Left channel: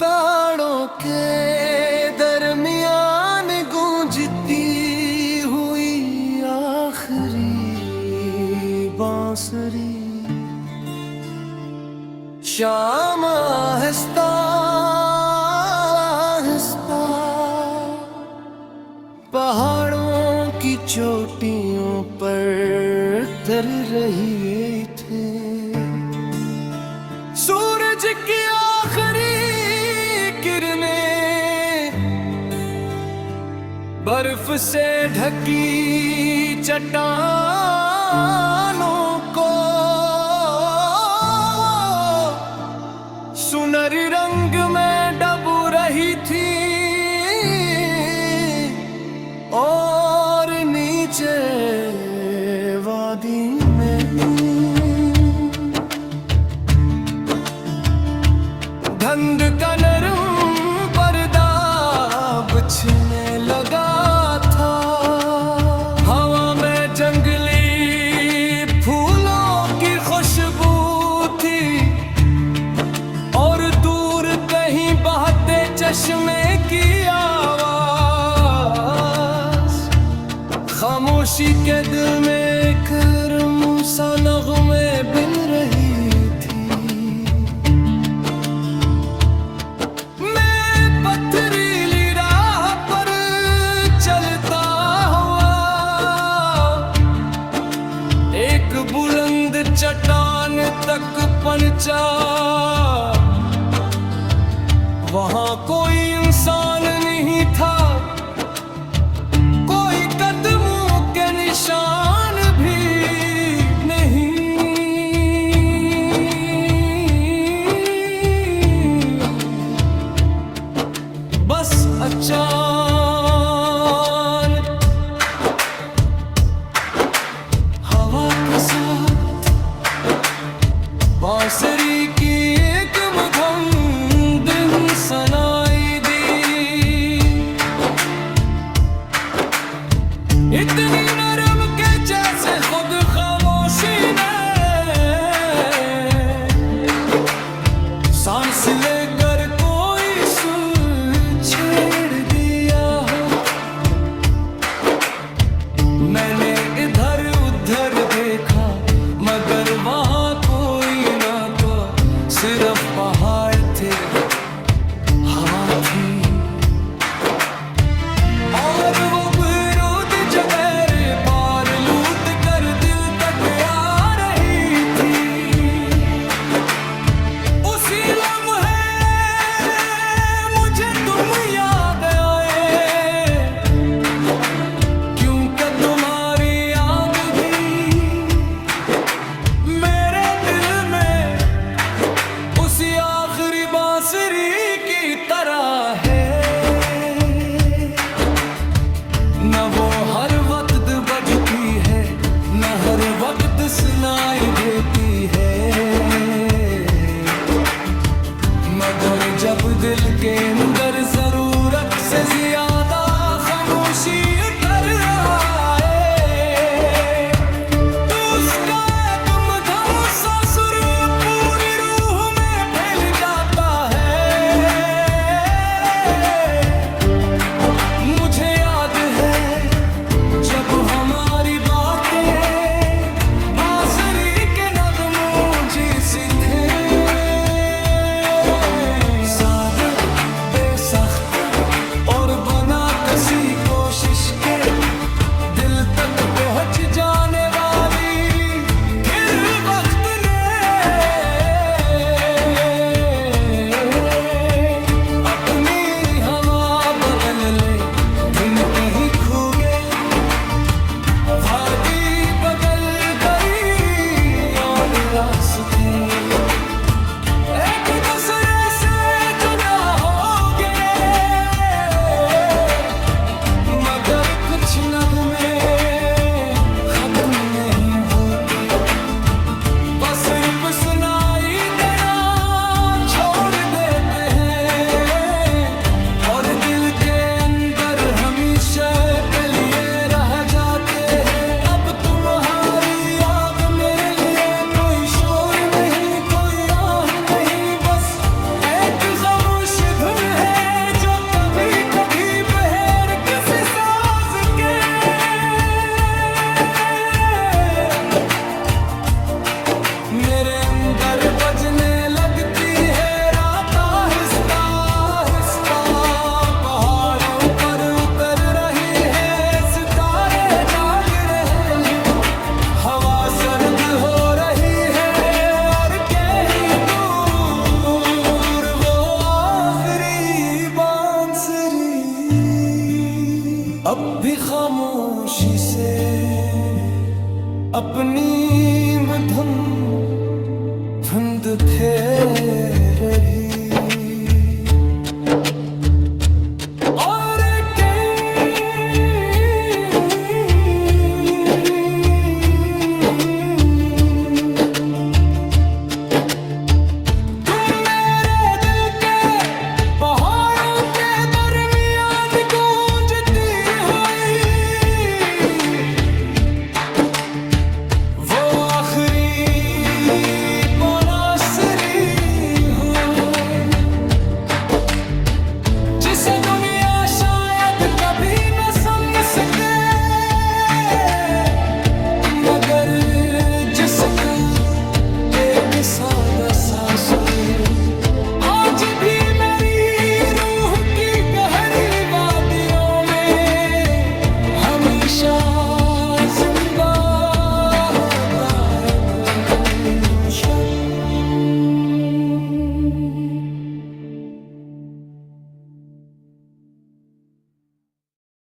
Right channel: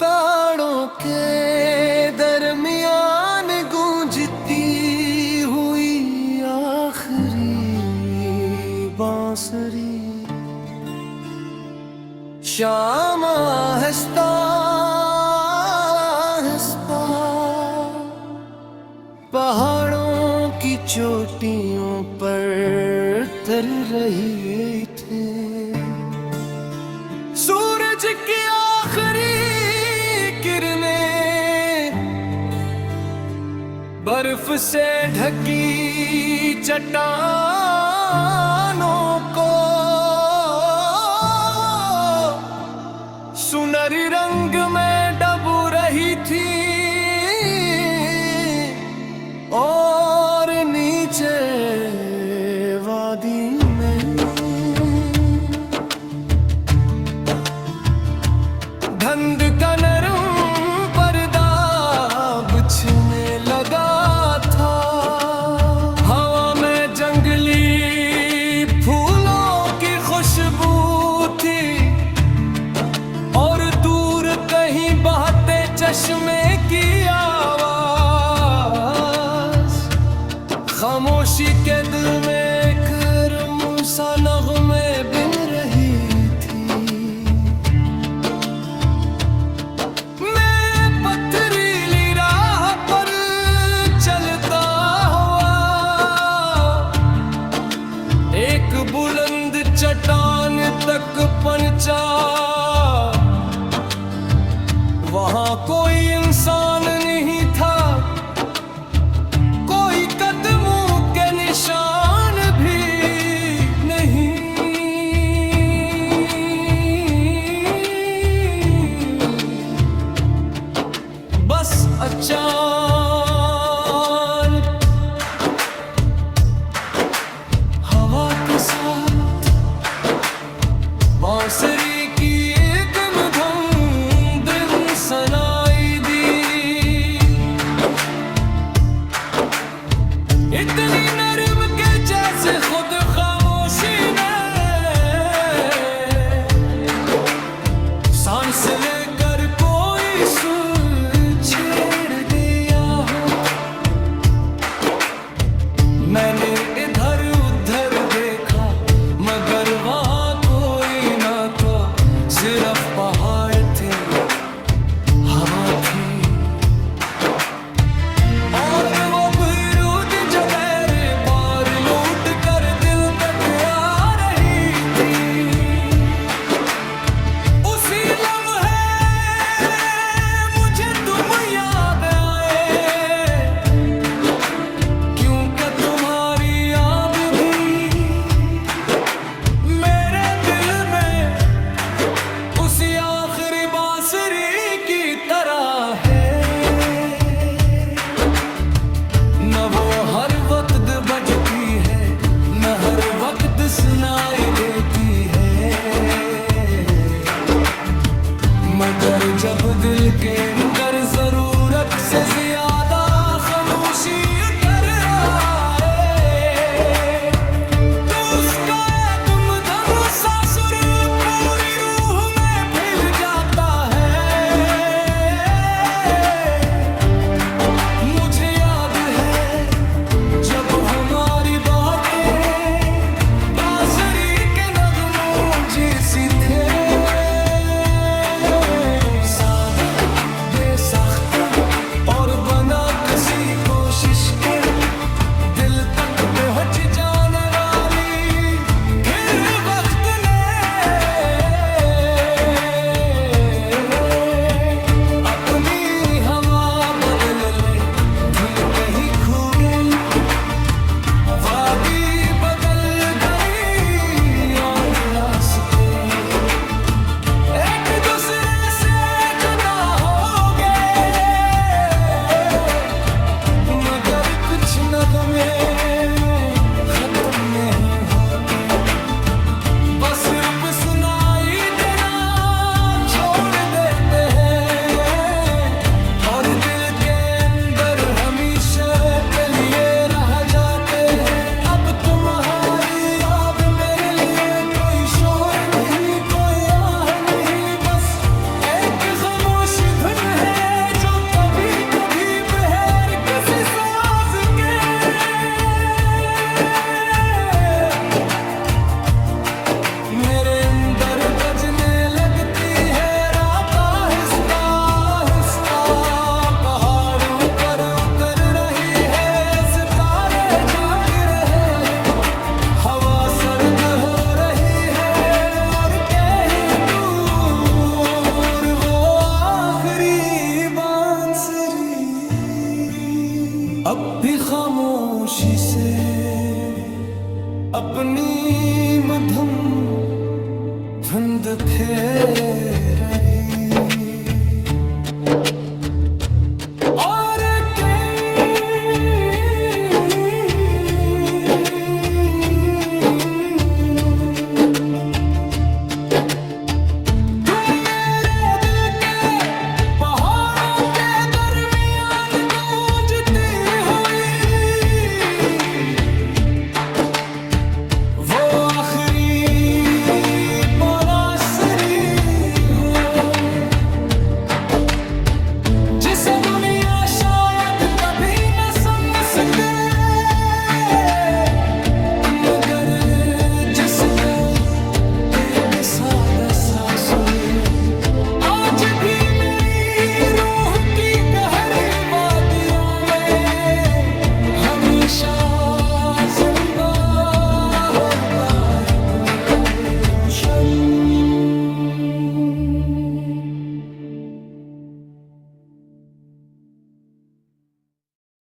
पहाड़ों के दरमियान गूंजती हुई आखिरी बांसुरी, शाम आहिस्ता आहिस्ता पहाड़ों की चोटियों पर तर रही थे। सूरज की आखिरी किरणें बर्फ से ढकी चट्टानों को सुनहरी रंग में डूब रही थी और नीचे वादी में धुंध का नरम पर्दा बिछने लगा था। हवा में जंगली फूलों की खुशबू थी और दूर कहीं बहते चश्मे की आवाज खामोशी के दिल में एक सा नग़्मे बिन रही थी। मैं पथरीली राह पर चलता हुआ एक बुलंद चट्टान तक पहुंचा। वहां कोई इंसान नहीं था, कोई कदमों के निशान भी नहीं। बस अचानक हवा के साथ बांसुरी की एक मधुर धुन सुनाई दी। इतनी नरम के जैसे खुद खामोशी ने सांस लेकर कोई सुर छेड़ दिया हो। मैंने इधर उधर देखा मगर वहां कोई ना तो सिर्फ पहाड़ थे, हवा थी और वो गुरूद जगह पार लूट कर दिल तक आ रही थी। उसी लम्हे मुझे तुम याद आए, क्योंकि तुम्हारी याद भी मेरे दिल में उसी आखिरी बांसुरी की तरह है। न वो हर वक्त बजती है, न हर वक्त सुनाई देती है, मगर जब दिल के अंदर जरूरत से ज्यादा खामोशी उतर आए तो उसका एक मधुर सा सुर पूरी रूह में फैल जाता है। मुझे याद है जब हमारी बातें बांसुरी के नग़्मों जैसी थे, सादे बेसख्त और बना किसी कोशिश के दिल तक पहुंच जाने वाली। फिर वक्त ने अपनी हवा बदल ले, धुन कहीं खो गई, वादी बदल गई और रास्ते एक दूसरे से जुदा हो गए, मगर कुछ नग़्मे खत्म नहीं होते, बस सिर्फ सुनाई देना छोड़ देते हैं और दिल के अंदर हमेशा के लिए रह जाते हैं। अब तुम्हारी याद मेरे लिए कोई शोर नहीं, कोई आह नहीं, बस एक खामोश मेरे अंदर बजने लगती है रात आहिस्ता आहिस्ता, पहाड़ों पर उतर रही है, सितारे जाग रहे हैं, हवा सर्द हो रही है और कहीं दूर वो आखिरी बांसुरी अब भी खामोशी से अपनी मधुम धुंध फेर रही। और तुम मेरे दिल के पहाड़ों के दरमियान गूंजती हुई वो आखिरी जिसे दुनिया शायद कभी न सुन सके, मगर जिसका एक सादा सा सुर आज भी मेरी रूह की गहरी वादियों में हमेशा